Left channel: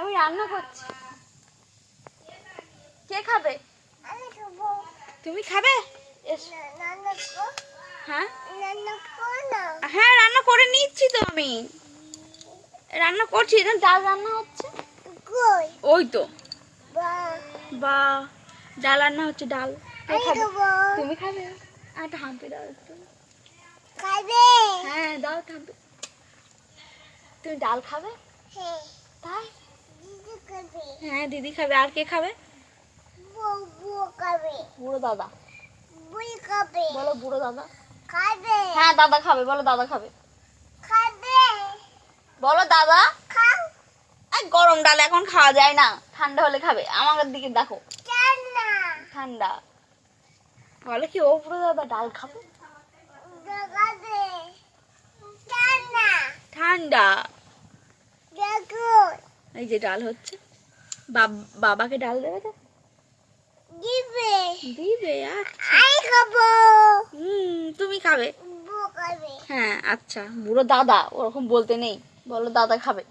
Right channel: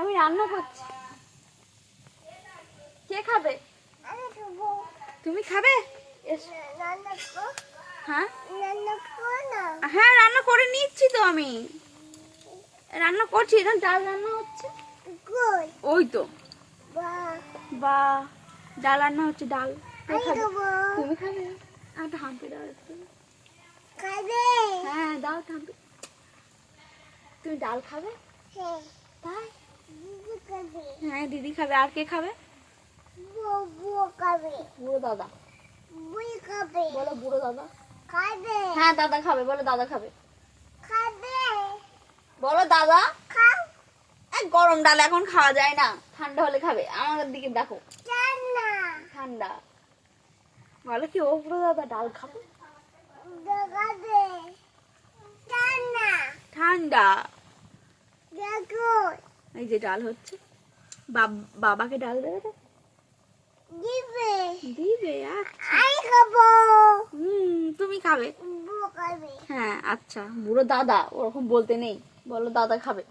আমি রান্না করছি। কে খাবে? আমি খাব। তুমি খাবে। হ্যাঁ? হ্যাঁ রান্না করে নিচ্ছি তো আমি। রান্না করছি। ডাল রান্না হচ্ছে? ওই তো। বা। বা ডাল রান্না হচ্ছে ডাল। তুমি খাবে? আর একটা হাম্পি দাও একটু। খাবে? হ্যাঁ দাও থাম্পি তুমি ডাল খাবে? হ্যাঁ। তাই? হ্যাঁ দিদি খাবে। আর কে খাবে? বুড়ো দাদা। বুই খাবে। বলো বুড়ো দাদা। খাবে। হ্যাঁ দাদা খাবে। বলো দাদা খাবে। খাবে। বলো দাদা। খাও। এই গরম ডাল এখন খাওয়া যায় না। ঠান্ডা হলে খাবে। আমার দিকে দেখো। ঠান্ডা। বলো কি ও বুড়ো দাদা ডাল খাবে? ঠান্ডা। এই যে ডাল হচ্ছে। বাব- বাবাকে ডাল দেবে তো? দিবে। দিবে আর আমি খাব। হুম তুমি খাবে? হ্যাঁ আচ্ছা বুড়ো দাদা ওরকম বলতে নেই। বলো দাদা খাবে?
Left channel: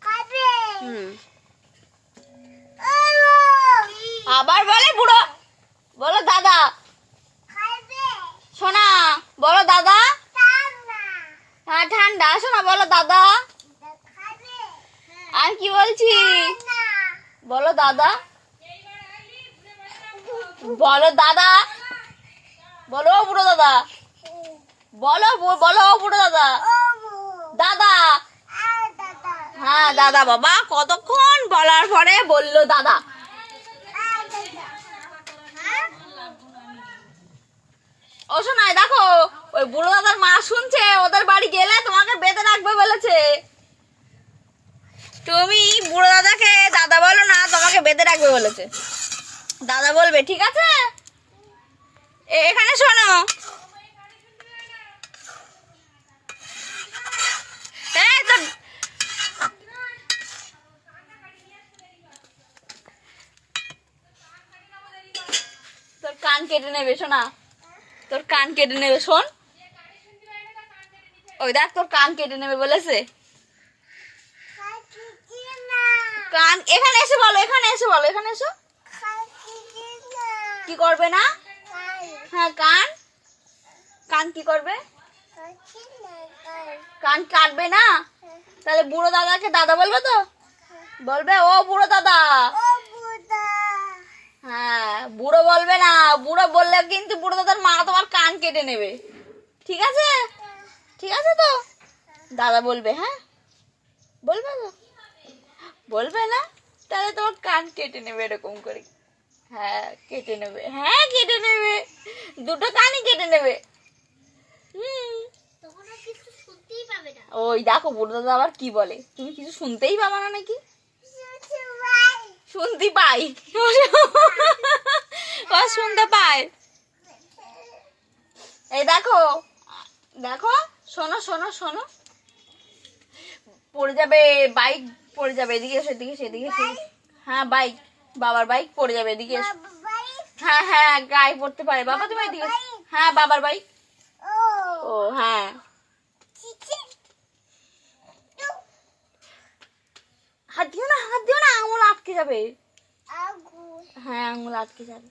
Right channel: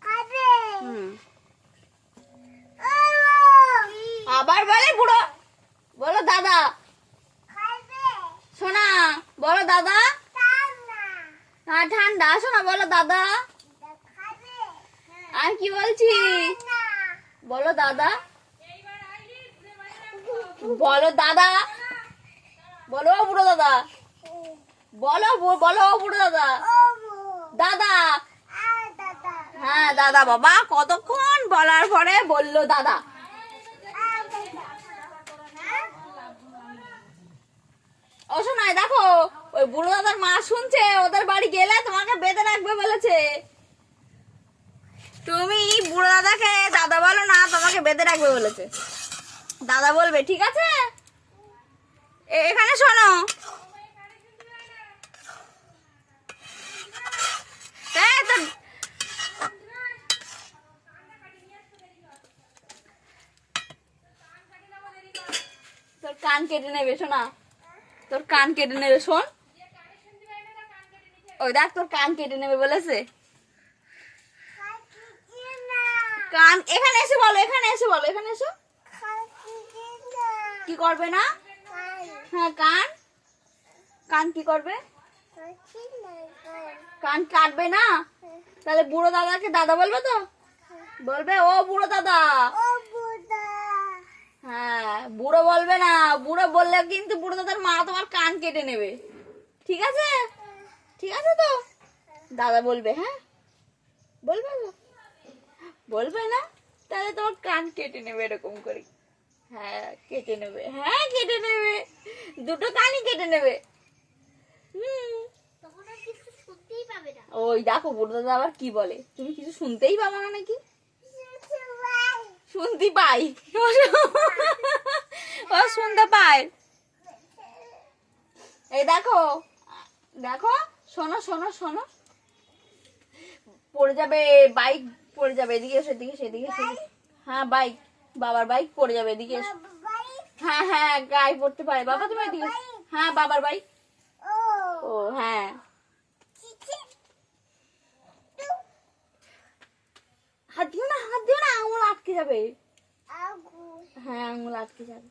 খাবে। হুম। আবার বলে বুড়ো। বলো দাদা। খাবে। শোনা বলো দাদা। হ্যাঁ ঠান্ডা শোনা বলো দাদা। আর কি বলছি বলো দাদা। বলো দাদা। বলো বুড়ো দাদা। বলো বলো বুড়ো দাদা। দাদা। হ্যাঁ দাদা বাবা, কতক্ষণ বলার পরে বলল দাদা। ও শোনায়, দেখো, ওই বুড়ো দাদার মা শুনছে ওদের বাড়ি গেলে তোমাকে বেঁধে রাখবে বলেছে তুমি বুড়ো দাদাকে দাদা বলো না, তোমাকে বেঁধে রাখবে বলেছে। দাদা বলবে, ঠিক আছে? এখানে শোনো। তোর কান কেটে নেবে, শোনা। তোর কান কেটে নেবে, শোন। ওই দেখ, তোর কান কেটে নেবে বলেছে খাচ্ছি না কান, এখানে এসে বলো, এখানে এসে বলো, এখানে এসো। কি করবে না? হ্যাঁ কান। কান কি করবে? কান কাটবে না? তাহলে বুড়ো দাদাকে দাদা বলবে তো? বলবে, ও বুড়ো দাদা। হ্যাঁ বুড়ো বলবে না। বুড়ো বললে কিন্তু বুড়ো দাদার মা তোমার কান কেটে নেবে। ঠিক আছে? ঠিক আছে তো? দাদা বলবে হ্যাঁ? বলবে তো? বলবে না? তাহলে তোমার কান কেটে নেবে এরকম করে। হ্যাঁ কেটে নেবে। হ্যাঁ কেটে নেবে। দুটো কানই কেটে নেবে। হুম। ওই দেখো বুড়ো দাদা আবার কি বলে? তুমি কিছু শুনতেই পাবা না নাকি? শুনতে পাই। ও শুনতে পায়। এই দেখো দেখো শোনো শোনো শোনো। পড়ে যাবে বাইক পড়ে যাবে এদিকে এসো এদিকে এসো। হ্যাঁ বাইক বাবার বাইক পড়ে যাবে এদিকে এসো। হ্যাঁ হ্যাঁ গায়ে পড়তে পারে। বাবা তুমি এদিকে হ্যাঁ বাবার বাইক ও। ও হ্যাঁ। হাত দিও না হাত দিও না আঙুল আটকে যাবে। হ্যাঁ আঙুল আটকে যাবে।